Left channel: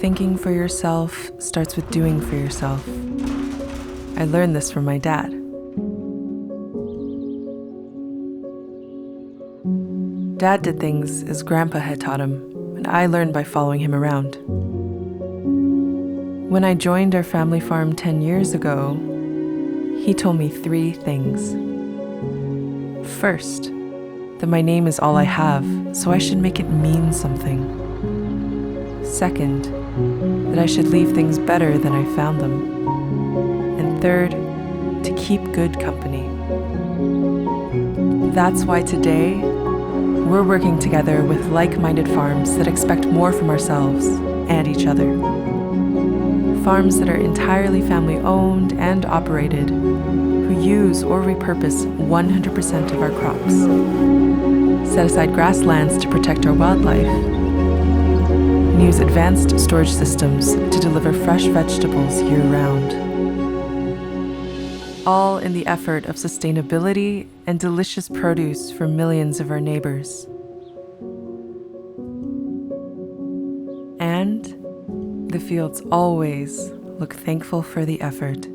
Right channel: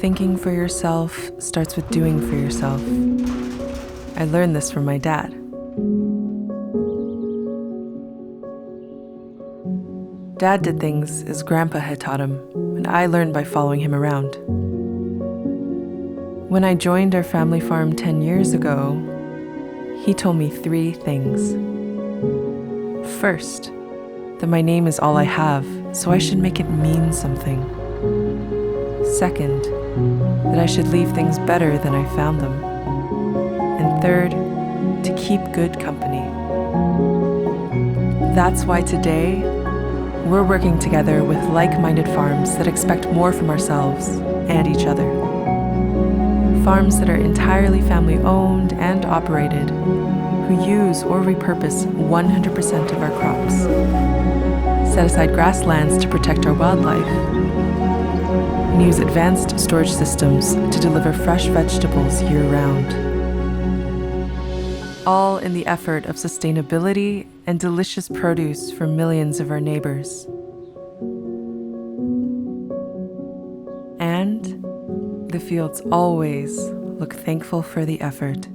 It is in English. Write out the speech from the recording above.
Thinking for yourself starts with doing for yourself. I learned this from my dad. Dad did things as Grandpa had taught him, and I learned by following him around. When I joined our family farm 10 years ago, he told me 3 things. First, that my name is all I have, so I should make it mean something. Second, that I should leave things better than I found them. And third, to keep good company. That's why today, we're working together with like-minded farms that expect more from ourselves and each other. Farms that are entirely family-owned and operated, who use or repurpose 100% of our crops, set aside grasslands to protect our wildlife, and use advanced storage systems to deliver fresh vegetables year-round. All in the effort of sustainability and delicious produce for millions of our neighbors. And the fields always look thankful for the effort.